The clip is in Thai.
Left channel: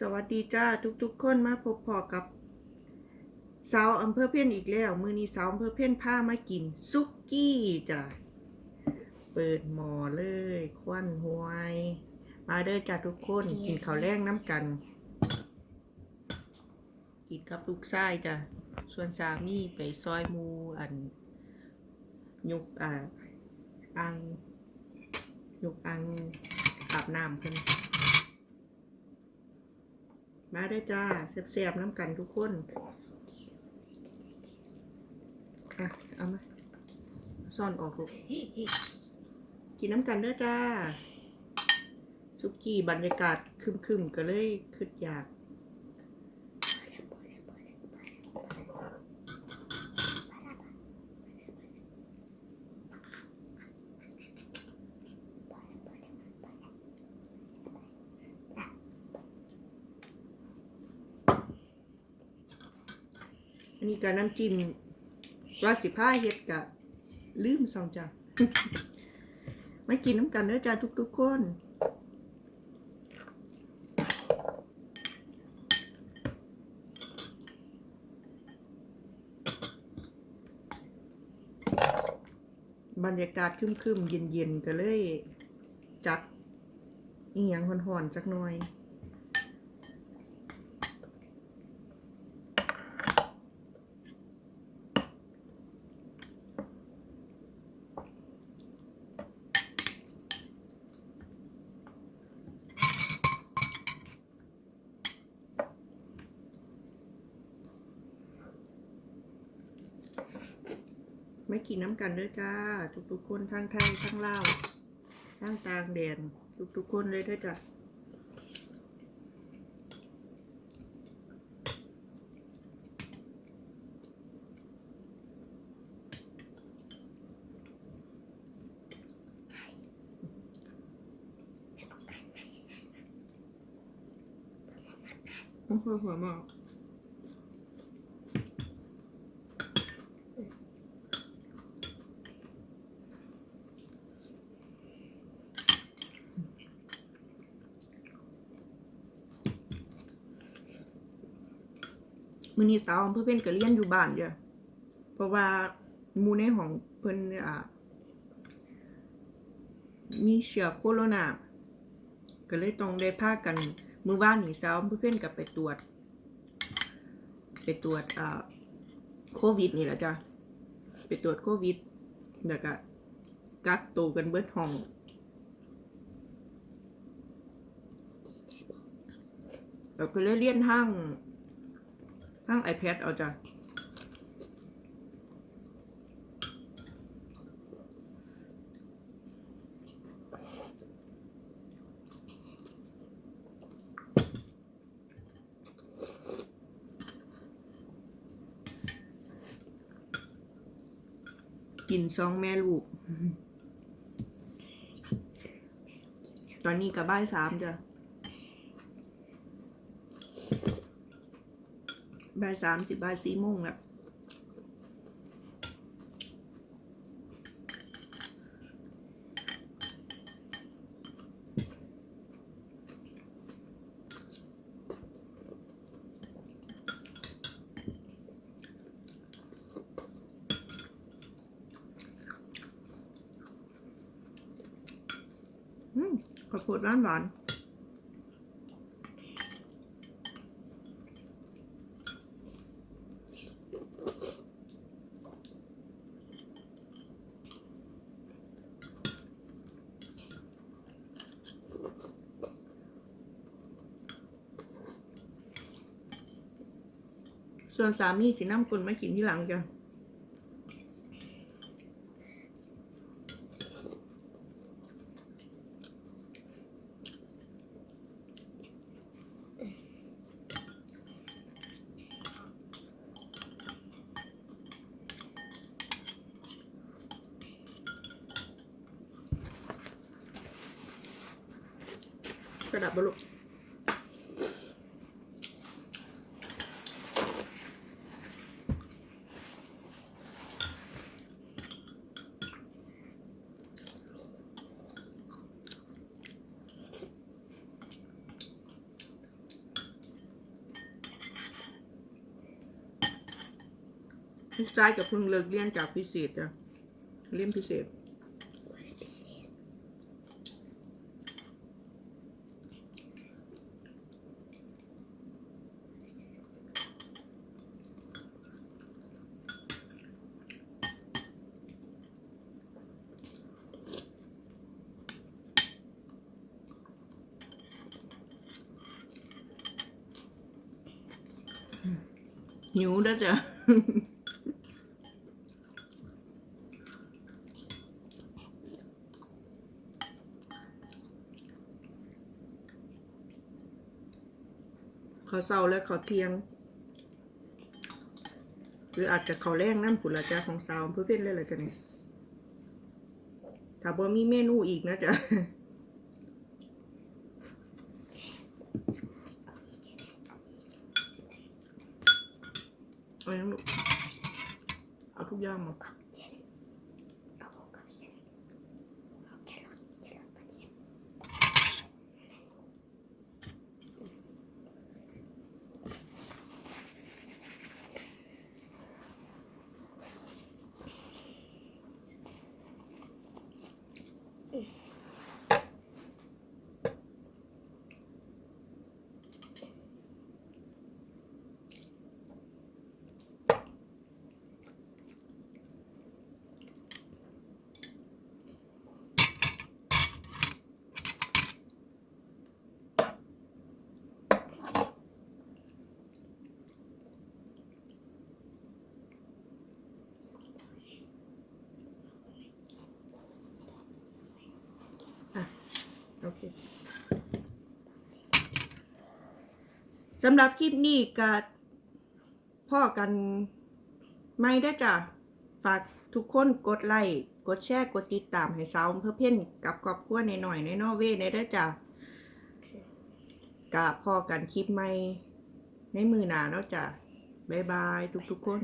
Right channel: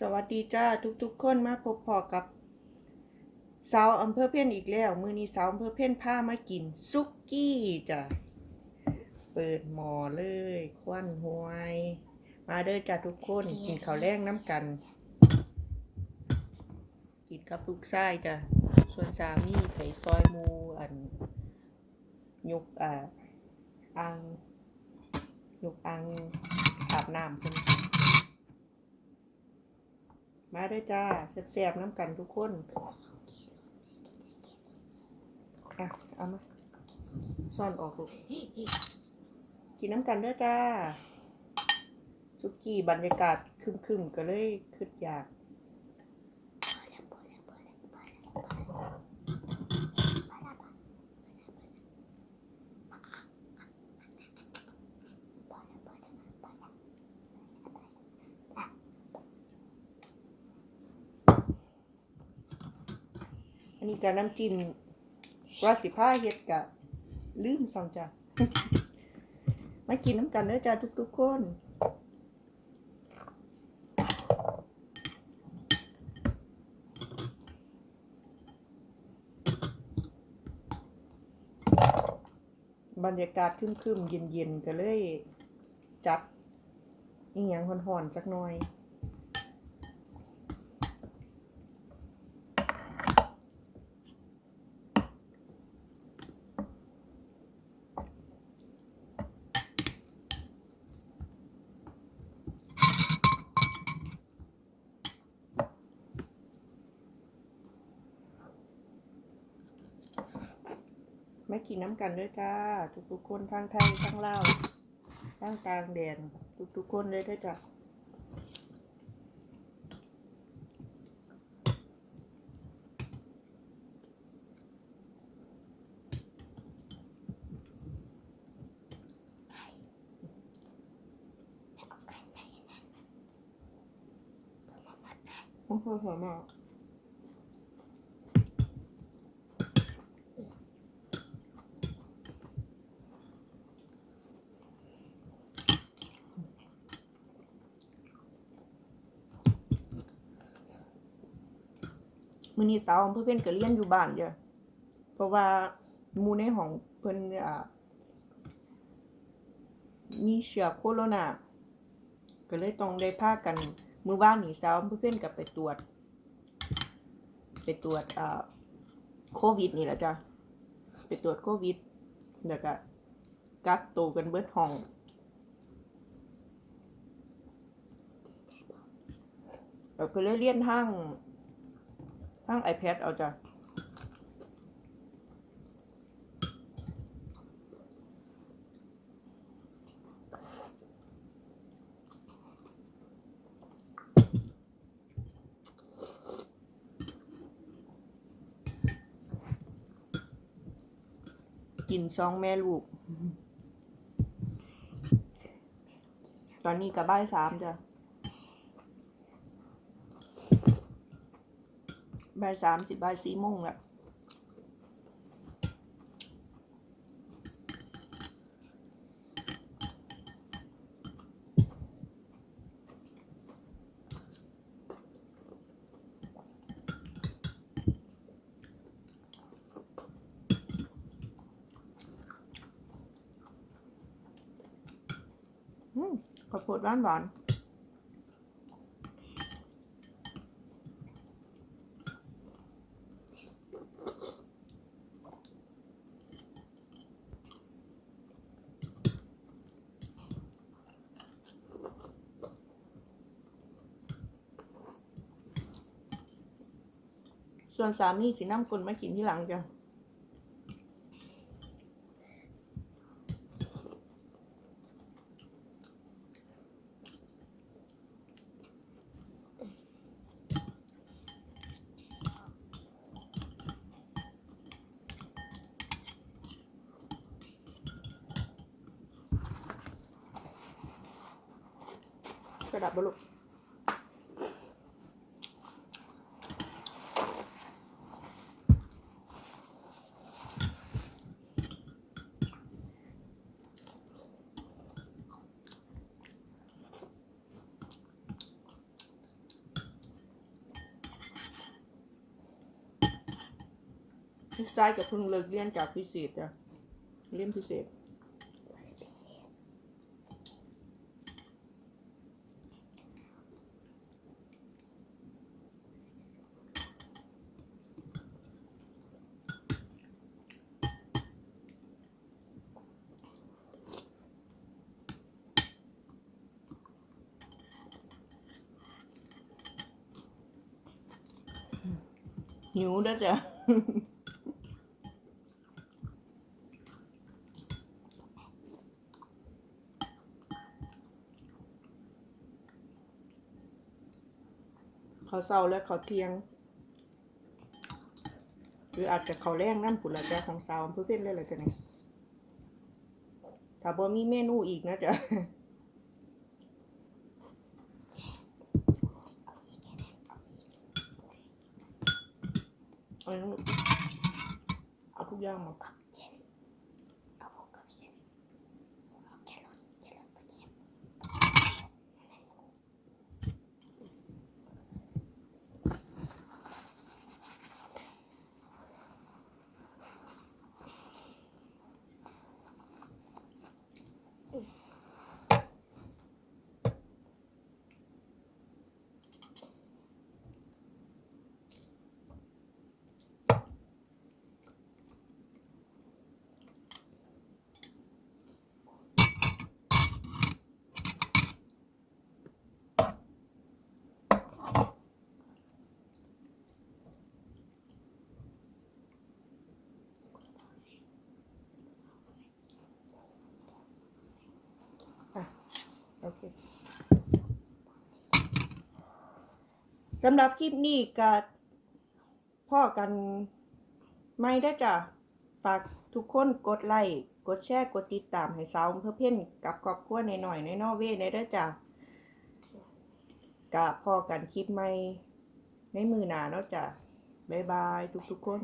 สวัสดีจ้าทุกๆคนมาพบพอกับสาวอำเภอเพ่นอีกแล้ว มือนี้สาวอำเภอเพ่นพามากินซุกี้จ้ะเปิดหมอเลยควันหวย มาเด้อจ้าทุกคนกินข้าวแรงน้ำกัน กินกับลูกไส้จ้ะส่วนสามีไปซอยหมูอันยุกอ่าอังยุกอังอาบน้ำเพิ่น มาได้จ้าแซ่บๆน้ำกันทุกคนอะเอามาซ่อนออกลูกกินน้ำกันเด้อจ้าสุกี้บรรยากาศคึมๆก็เลยคึดอยาก อันนี้ก็น้ำจิ้มราสิผ้าเฮ็ดกะลืมสองจ้ะมากินน้ำกันเด้อจ้าทุกๆคนบรรยากาศครึมๆ เย็นๆ ก็เลย จัดอีหยังห่อนๆจักหน่อย ไม่กินน้ำกันด้วยจ้า ทุกๆคนทั้งไทยทั้งลาวทั้งต่างแดนทุกๆคนเลยด้วยจ้าโอ้โห มื้อนี้สาวอำเภอเพิ่นก็เรียนอยู่บ้านเด้อเพราะว่าหมู่ในห้องเพิ่นอ่ามีเชื้อโคโรนาก็เลยต้องได้พากันมื้อวานนี้สาวอำเภอเพิ่นก็ไปตรวจ ไปตรวจอ่าโควิดนี่แหละจ้ะไปตรวจโควิดแล้วก็กักตัวกันเบิดห้องเราเคยเรียนทาง ทาง iPad เอาจ้ะกินสองแม่ลูก ตอนนี้กับบ่ายสามจ้ะ บ่ายสามสิบบ่ายสี่โมงแล้วอืมข้าวโพดหวานหวาน ส่วนสามีสิน้ำกลมากินที่หลังจ้ะกระดับบลุก ลูกชายกับเพิ่งเลิกเรียนจากพิเศษจ้ะเรียนพิเศษหิวแล้วจ้ะ เขาเศร้าและเขาเทียง หรืออาจจะเขาแรงน้ำผุนละจ้ะของสาวเพื่อเป็นเลยละจ้ะเนี่ยถ้าบ่มีเมนูอีกนะจ๊ะเอายังลูกเอาทุกอย่างมา โอเคสำหรับคลิปนี้ก็พ่อกันไม่ได้จ้ะฝากทุกคนกดไลค์กดแชร์กดติดตามให้สาวเพื่อเพ่นกับครอบครัวในหน่อยในนอเวในได้จ้ะกะพ่อกันคลิปใหม่ในมือหนาเนาะจ้ะบ๊ายบายทุกๆคน